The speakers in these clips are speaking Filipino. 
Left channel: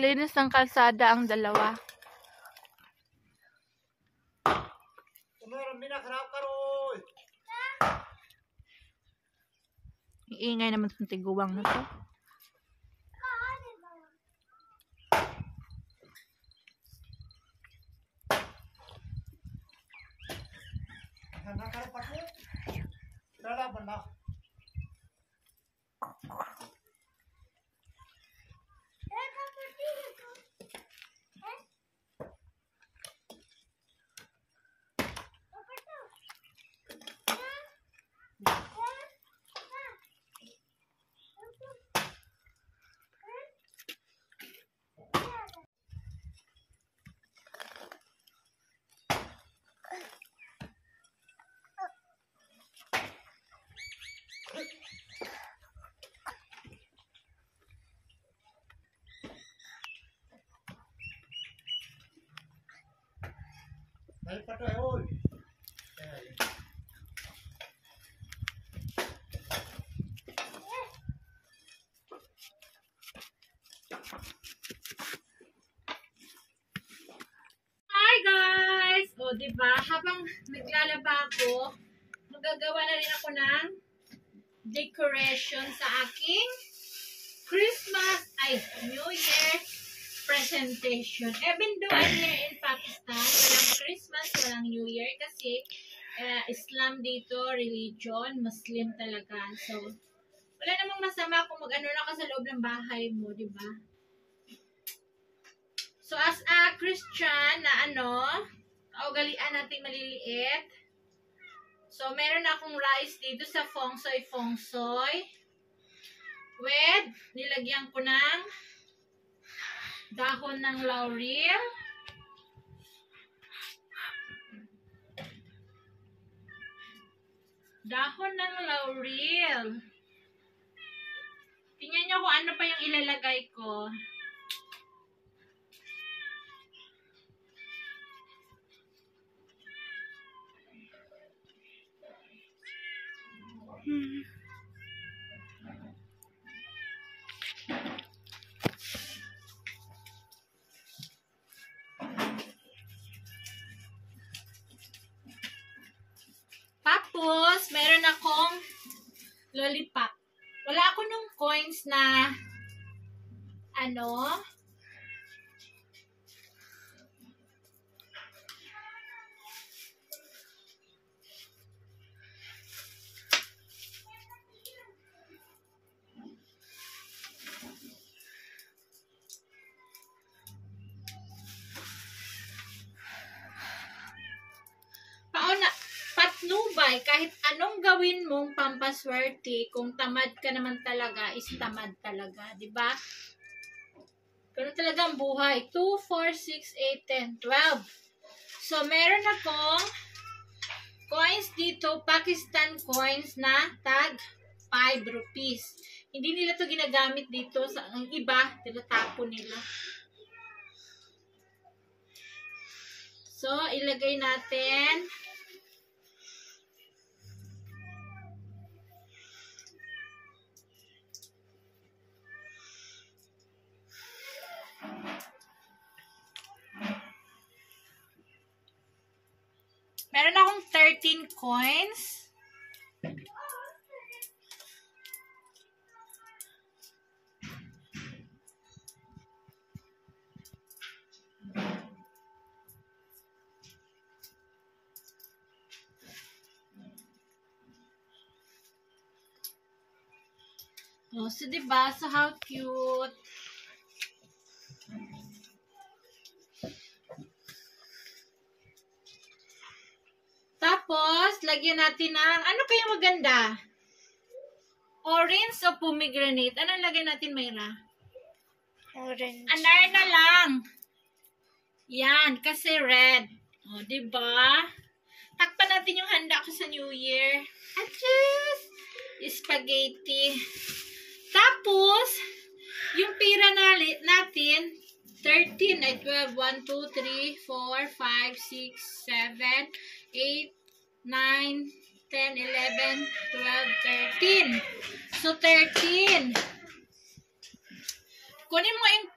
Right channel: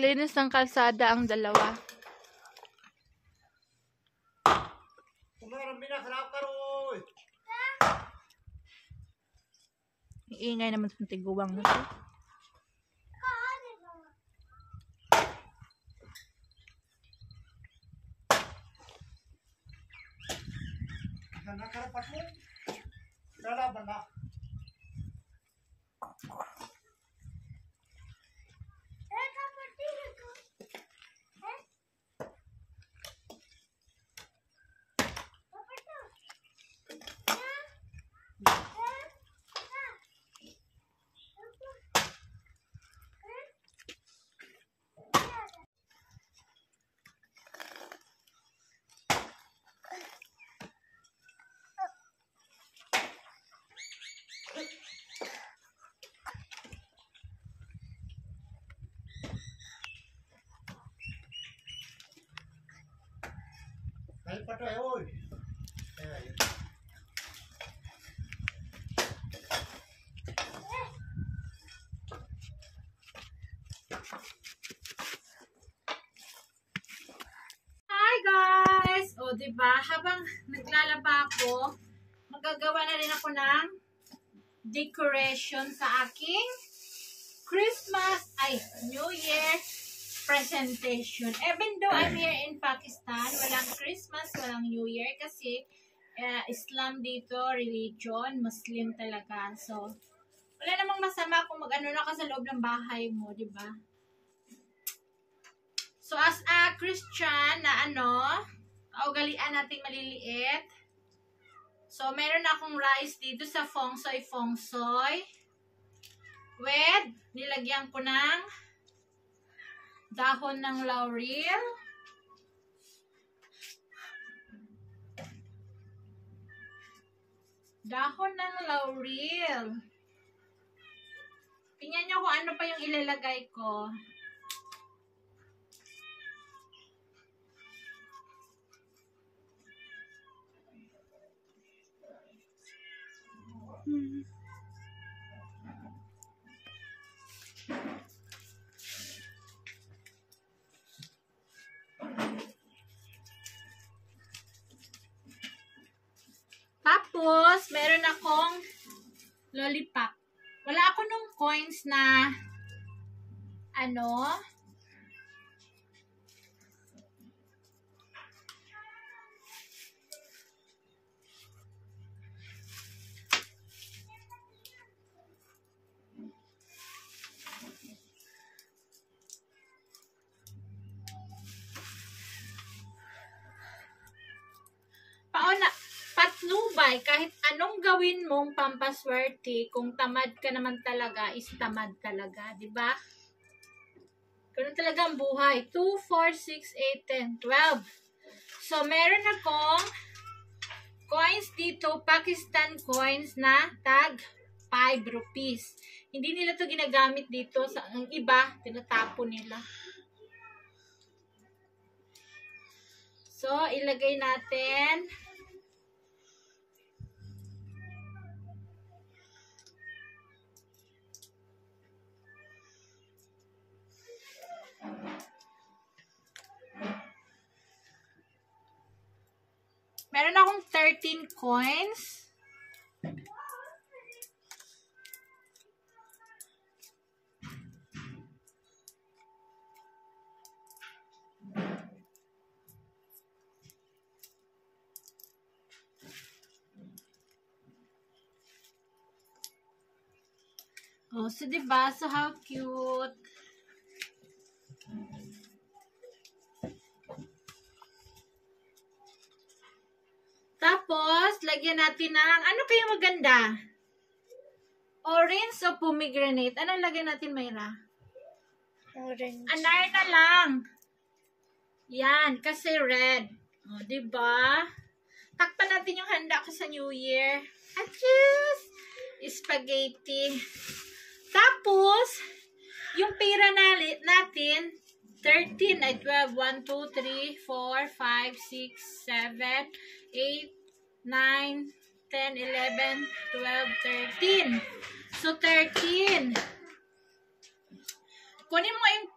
Naglinis ng kalsada ang dalawa. Iingay naman sa tiguwang na to. Nakarapat mo. Lalaban na. Ay, patay, oy. Ay. Hi guys! O, diba? Habang naglalaba ako, magagawa na rin ako ng decoration sa aking Christmas, New Year presentation. Even though I'm here in Pakistan, walang Christmas, walang New Year kasi Islam dito, religion, Muslim talaga. So, wala namang masama kung mag-ano na ka sa loob ng bahay mo, di ba? So, as a Christian na kaugalian natin maliliit. So, meron akong rice dito sa feng shui. With, nilagyan ko ng dahon ng laurel. Dahon ng laurel. Tingnan nyo kung ano pa yung ilalagay ko. Tapos, meron akong lollipop. Wala ako nung coins na patnubay, kahit anong gawin mong pampaswerte, kung tamad ka naman talaga, is tamad talaga, di ba? Ganun talaga ang buhay. 2, 4, 6, 8, 10, 12. So, meron akong coins dito, Pakistan coins na tag 5 rupees. Hindi nila to ginagamit dito. Ang iba, tinatapon nila. So, ilagay natin. Meron akong 13 coins. Oh, so diba? So how cute. Tapos, lagyan natin ng, ano kayo maganda? Orange o pomegranate? Ano lagyan natin, Mayra? Orange. Anar na lang. Yan, kasi red. O, diba? Takpan natin yung handa ko sa New Year. Achoo! Spaghetti. Tapos, yung pera natin, 13 ay 12. 1, 2, 3, 4, 5, 6, 7, 8, 9, 10, 11, 12, 13. So, 13. Kunin mo yung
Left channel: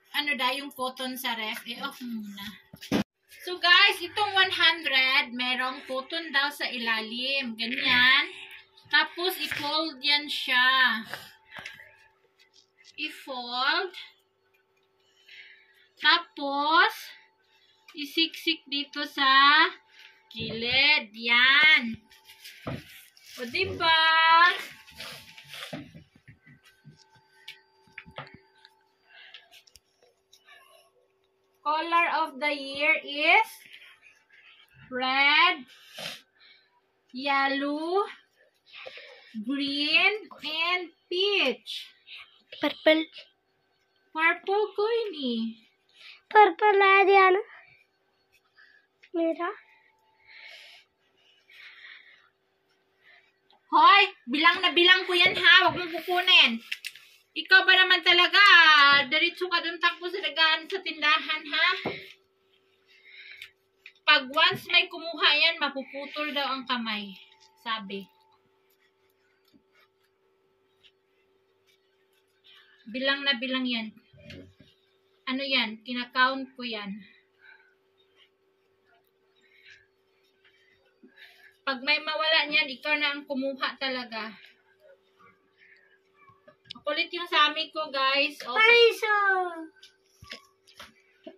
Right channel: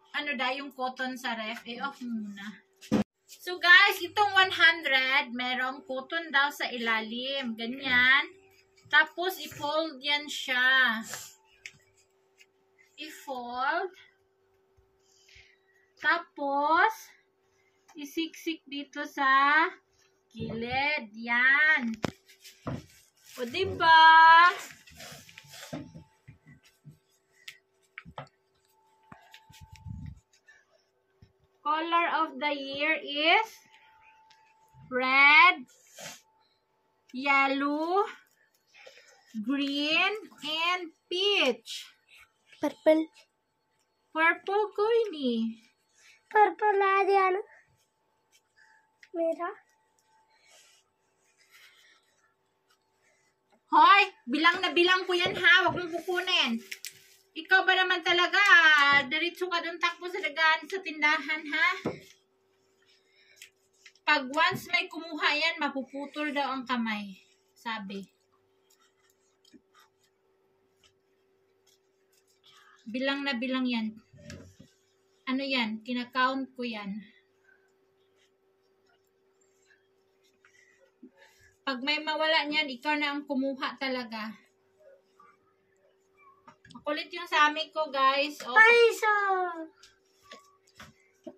yung cotton sa ref. Off muna. So guys, itong 100, merong cotton daw sa ilalim. Ganyan. Tapos, i-fold yan siya. I-fold. Tapos, isiksik dito sa gilid. Yan. O, diba? Color of the year is red, yellow, green, and peach. Purple. Purple कोई नहीं. Purple आ दिया ना मेरा. Hoy, bilang na bilang ko yan ha. Huwag mong kukunin. Ikaw ba naman talaga? Diretso ka doon takbo sa dagaan sa tindahan ha. Pag once may kumuha yan, mapuputol daw ang kamay. Sabi. Bilang na bilang yan. Ano yan? Kinakount ko yan. Pag may mawala niyan, ikaw na ang kumuha talaga. Makulit yung sami ko, guys. Oh. Paisa.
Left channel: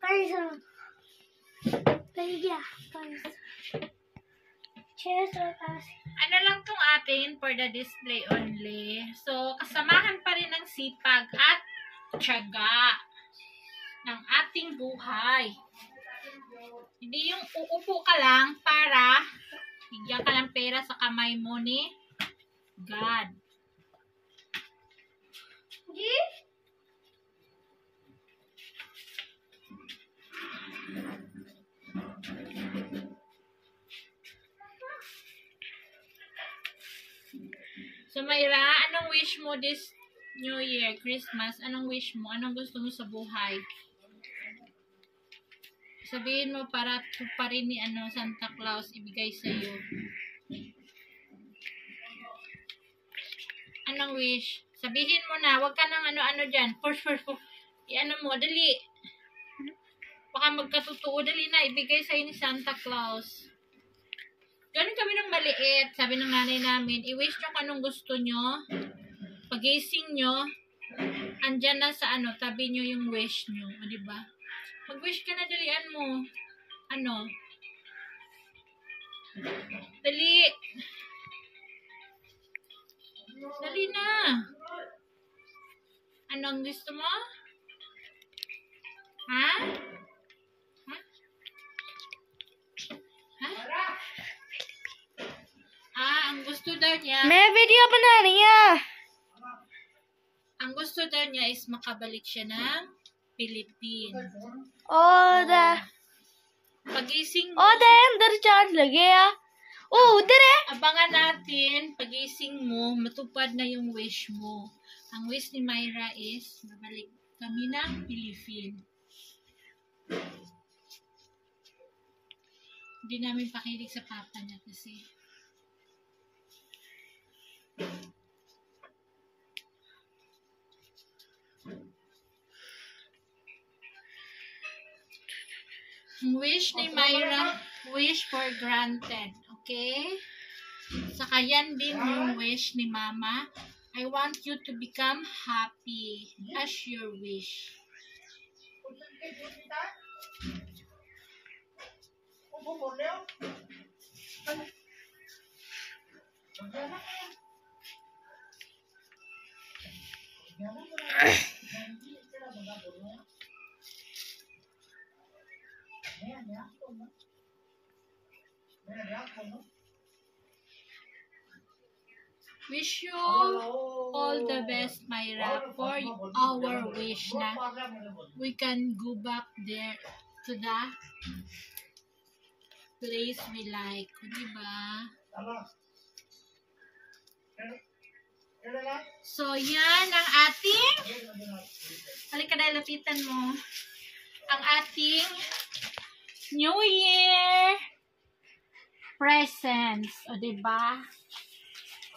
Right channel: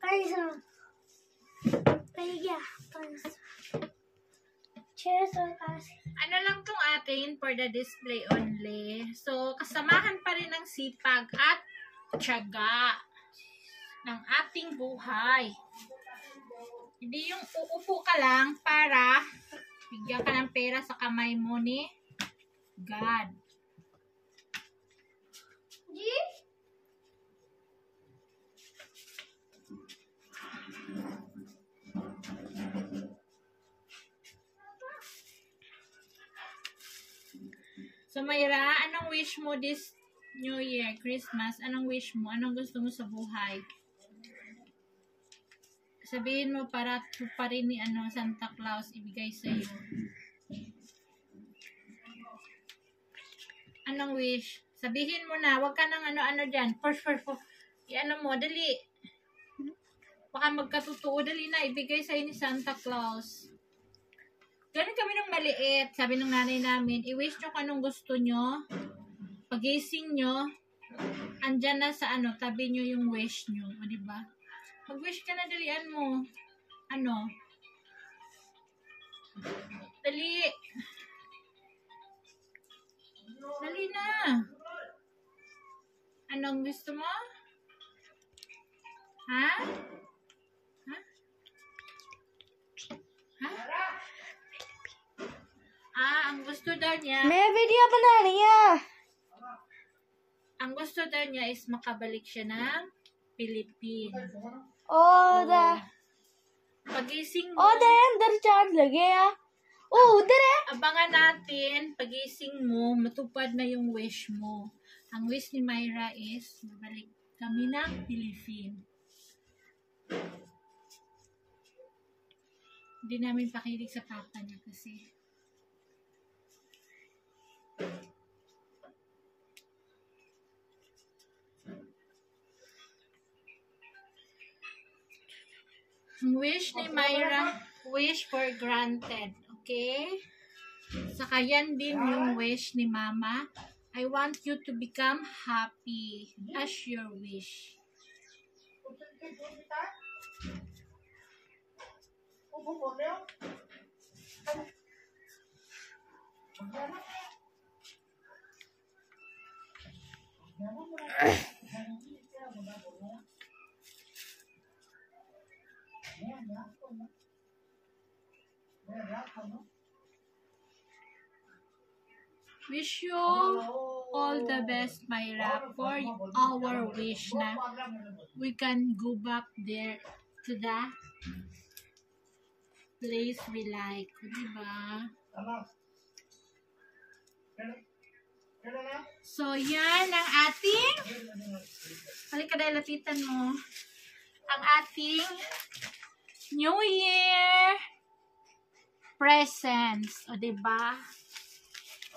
Paisa. Paisa. Paisa. Cheers or kasi. Ano lang tong atin for the display only. So, kasamahan pa rin ng sipag at tiyaga ng ating buhay. Hindi yung uupo ka lang para bigyan ka ng pera sa kamay mo ni God. So, Mayra, anong wish mo this New Year, Christmas? Anong wish mo? Anong gusto mo sa buhay? Sabihin mo para tuparin ni Santa Claus ibigay sa iyo. Anong wish? Sabihin mo na, wag ka nang ano diyan. First. I-ano mo, dali. Baka magkatotoo, dali na ibigay sa ni Santa Claus. Ganun kami ng maliit. Sabi ng nanay namin, i-wish nyo kung anong gusto nyo. Pagising nyo, andyan na sa tabi nyo yung wish nyo. O, diba? Mag-wish ka na, dalian mo. Dali. Dali na. Anong gusto mo? Ha? Ang gusto daw niya, मैं वीडियो बना रही हूँ. ang gusto daw niya is makabalik siya ng Philippines. Pagising mo, अंदर चार्ज लगे या उधर है. abangan natin, pagising mo, matupad na yung wish mo. Ang wish ni Mayra is, mabalik kami ng Philippines. Hindi namin pakilig sa papa niya kasi. Wish ni Mayra, wish for granted. Okay? Saka yan din yung wish ni Mama. I want you to become happy as your wish. Wish you all the best, Mayra, for our wish na we can go back there to the place we like. Diba? So, yan ang ating halika dahil lapitan mo. Ang ating New Year presents. O, diba?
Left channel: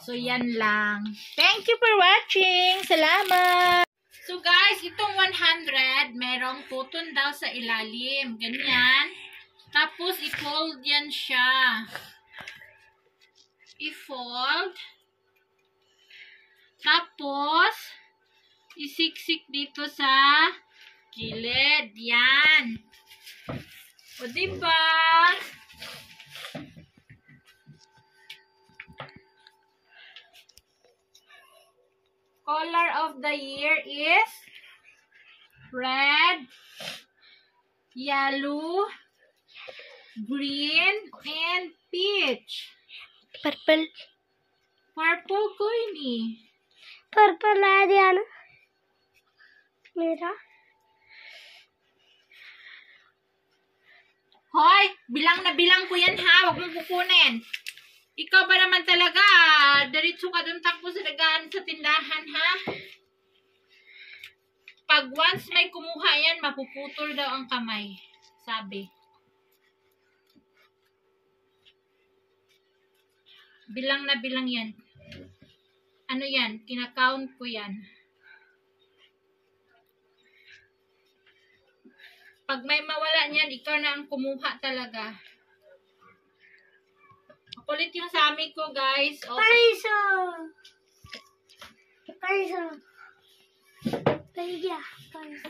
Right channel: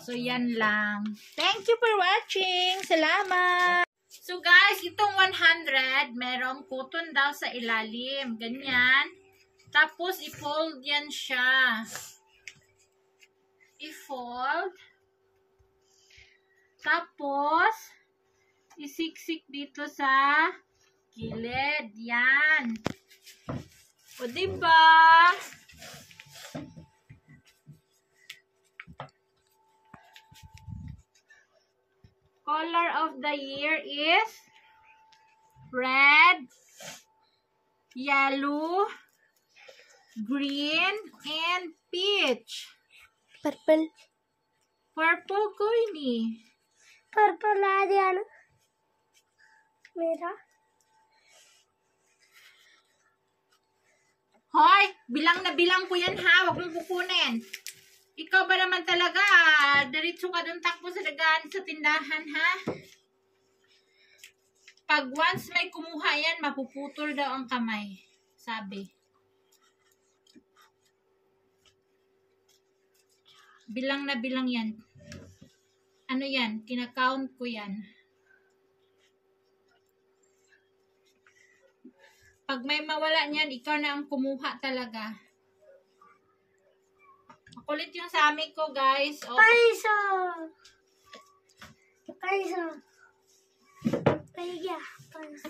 So, yan lang. Thank you for watching. Salamat! So guys, itong 100, merong button daw sa ilalim. Ganyan. Tapos, i-fold yan siya. I-fold. Tapos, isiksik dito sa gilid. Yan. O, diba? Color of the year is red, yellow, green, and peach. Purple. Purple ko ini. Purple ला दिया ना मेरा. Hoy, bilang na bilang ko yan ha. Huwag mong kukunin. Ikaw ba naman talaga? Diretso ka doon takbo sa dagaan sa tindahan ha. Pag once may kumuha yan, mapuputol daw ang kamay. Sabi. Bilang na bilang yan. Ano yan? Kinakount ko yan. Pag may mawala niyan, ikaw na ang kumuha talaga. Makulit yung sami ko, guys. Oh. पैसा पैसा पैसा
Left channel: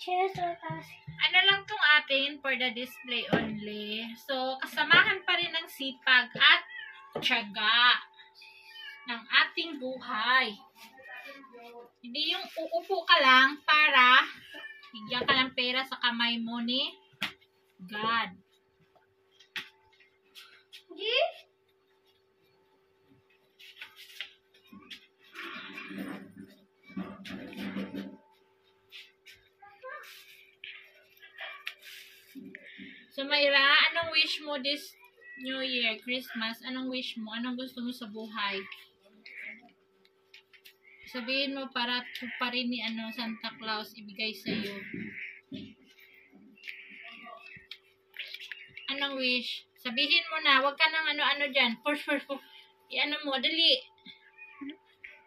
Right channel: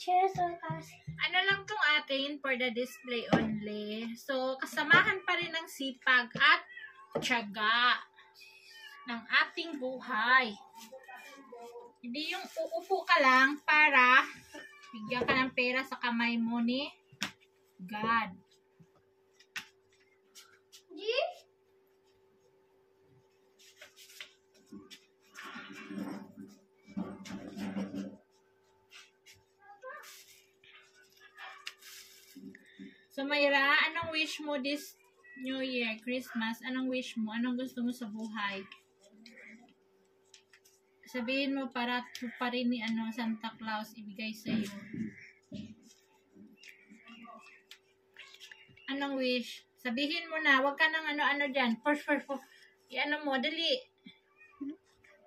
680. Ano lang tong atin for the display only. So, kasamahan pa rin ng sipag at tiyaga ng ating buhay. Hindi yung uupo ka lang para bigyan ka ng pera sa kamay mo ni God. जी So, Mayra, anong wish mo this New Year, Christmas? Anong wish mo? Anong gusto mo sa buhay? Sabihin mo para tuparin ni Santa Claus ibigay sa iyo. Anong wish? Sabihin mo na, wag ka nang ano-ano dyan. First. I-ano mo, dali.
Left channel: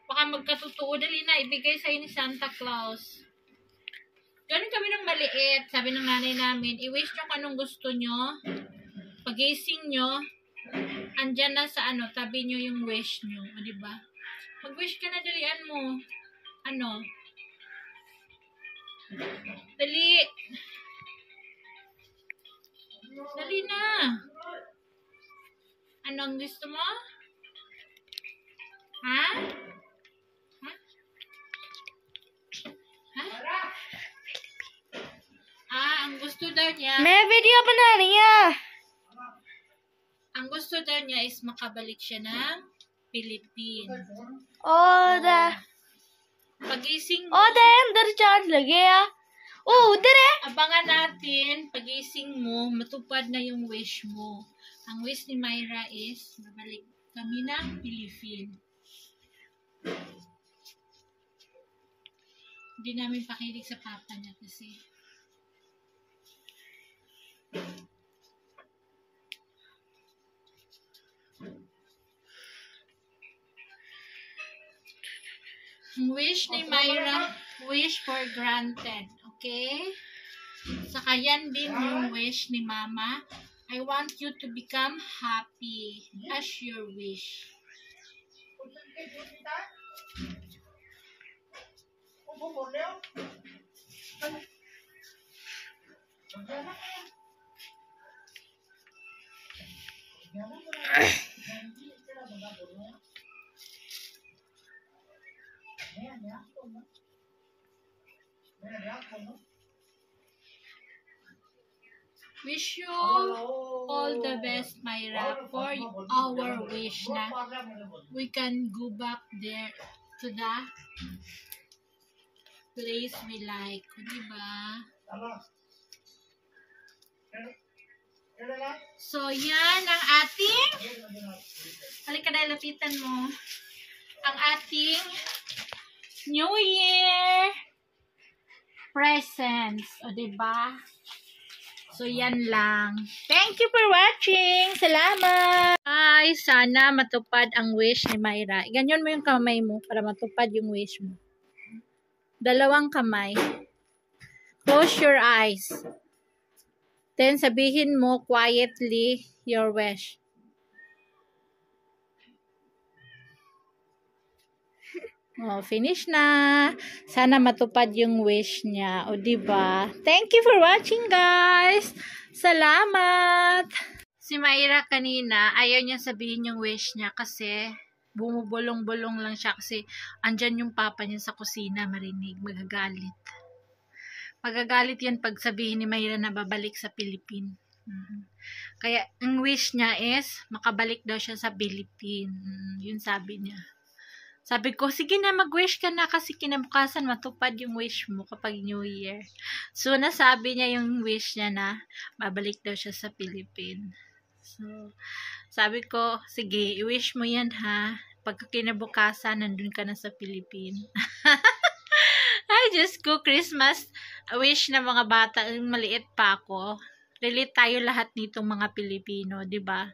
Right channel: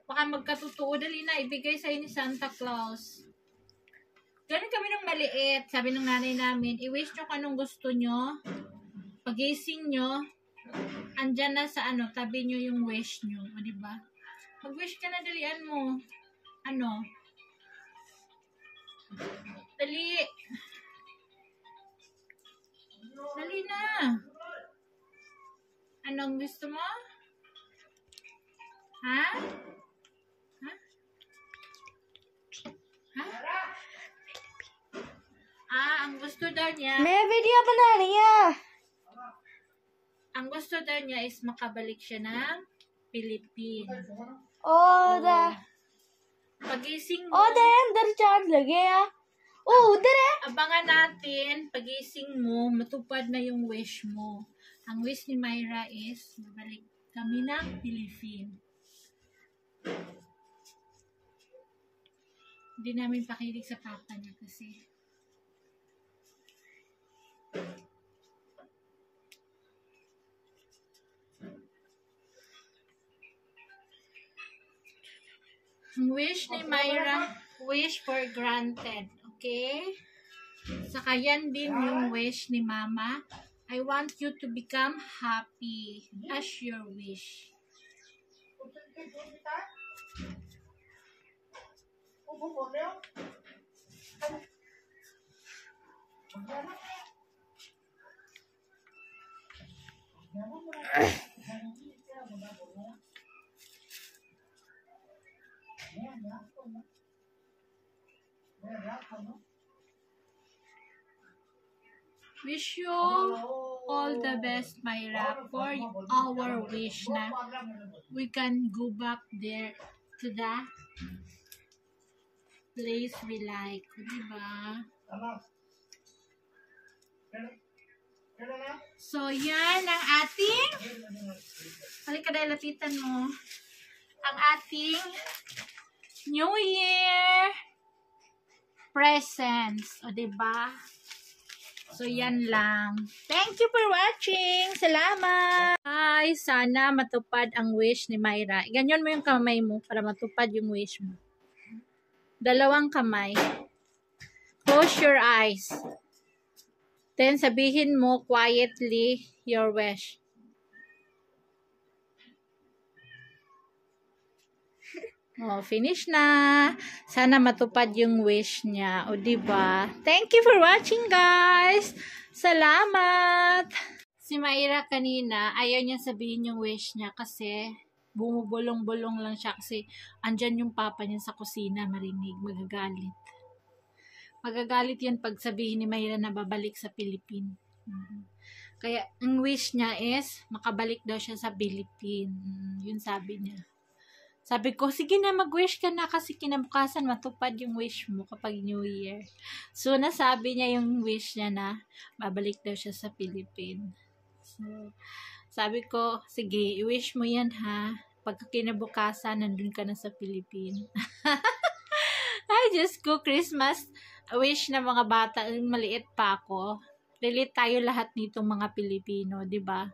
Baka magkatotoo, dali na, ibigay sa'yo ni Santa Claus. Ganun kami ng maliit. Sabi ng nanay namin, i-wish nyo kung anong gusto nyo. Pag-gising nyo, andyan na sa tabi nyo yung wish nyo. O, diba? Mag-wish ka na, dalian mo. Ano? Dali. Dali na. Anong gusto mo? Ha? Ha? Ha? Ang gusto daw niya, मैं वीडियो बना रही हूँ. ang gusto daw niya is makabalik siya ng Philippines. और Pagising mo, उधर अंदर चार्ज लगे या ओ उधर है. abangan natin, pagising mo, matupad na yung wish mo. Ang wish ni Mayra is, mabalik kami ng Philippines. Hindi namin pakilig sa papa niya kasi. Ang wish ni Mayra, wish for granted. Okay? Saka yan din yung wish ni Mama. I want you to become happy as your wish. Wish you all the best, Mayra, for our wish na we can go back there to the place we like. Diba? So, yan ang ating halika dahil lapitan mo ang ating New Year presents. O, diba? So, yan lang. Thank you for watching. Salamat! Ay, sana matupad ang wish ni Mayra. Ganyan mo yung kamay mo para matupad yung wish mo. Dalawang kamay. Close your eyes. Then, sabihin mo quietly your wish. Oh, finish na. Sana matupad yung wish niya. O, diba? Thank you for watching, guys. Salamat. Si Mayra kanina, ayaw niya sabihin yung wish niya kasi bumubulong-bulong lang siya kasi andyan yung papa niya sa kusina, marinig, magagalit. Magagalit yan pag sabihin ni Mayra na babalik sa Philippines. Kaya, ang wish niya is, makabalik daw siya sa Philippines. Yun sabi niya. Sabi ko, sige na, mag-wish ka na kasi kinabukasan matupad yung wish mo kapag New Year. So, nasabi niya yung wish niya na babalik daw siya sa Philippines. So, sabi ko, sige, i-wish mo yan ha. Pagka kinabukasan, nandun ka na sa Philippines. Ay, Diyos ko, Christmas wish na mga bata, maliit pa ako. Relate tayo lahat nitong mga Pilipino, di ba?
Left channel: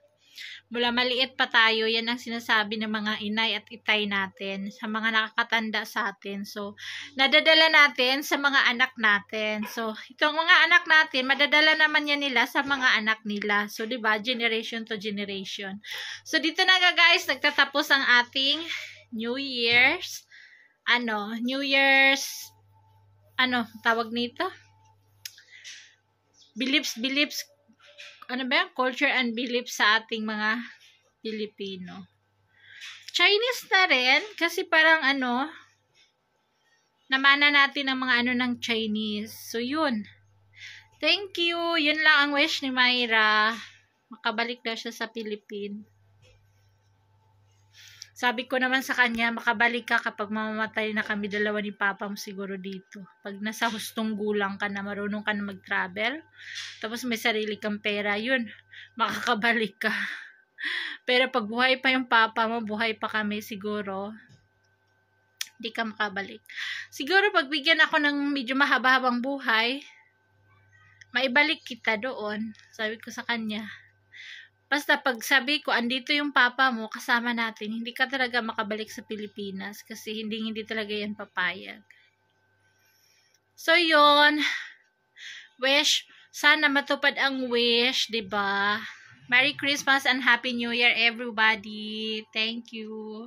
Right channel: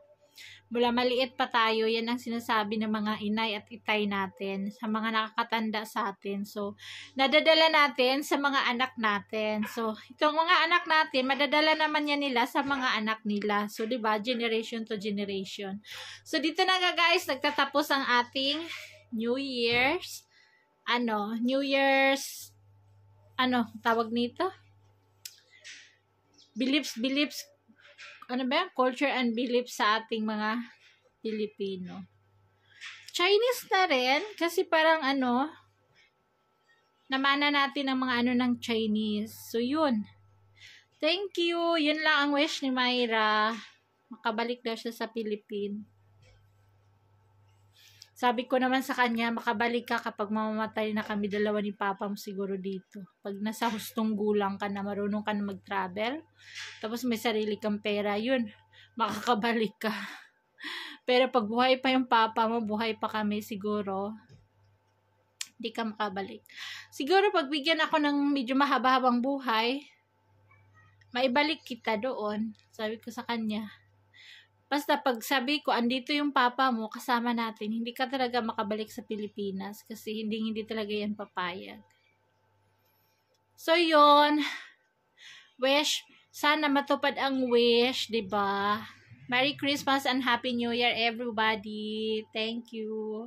Mula maliit pa tayo, yan ang sinasabi ng mga inay at itay natin, sa mga nakakatanda sa atin. So, nadadala natin sa mga anak natin. So, itong mga anak natin, madadala naman yan nila sa mga anak nila. So, di ba? Generation to generation. So, dito na nga guys, nagtatapos ang ating New Year's, tawag nito? Beliefs, culture and beliefs sa ating mga Pilipino. Chinese na rin, kasi parang namana natin ang mga ng Chinese. So, yun. Thank you. Yun lang ang wish ni Mayra. Makabalik daw siya sa Philippines. Sabi ko naman sa kanya, makabalik ka kapag mamamatay na kami dalawa ni Papa mo siguro dito. Pag nasa hustong gulang ka na, marunong ka na mag-travel, tapos may sarili kang pera, yun, makakabalik ka. Pero pag buhay pa yung Papa mo, buhay pa kami siguro, hindi ka makabalik. Siguro pag bigyan ako ng medyo mahaba-habang buhay, maibalik kita doon. Sabi ko sa kanya. Basta pag sabi ko, andito yung Papa mo, kasama natin, hindi ka talaga makabalik sa Pilipinas kasi hindi talaga yan papayag. So, yun. Wish. Sana matupad ang wish, diba? Merry Christmas and Happy New Year, everybody. Thank you.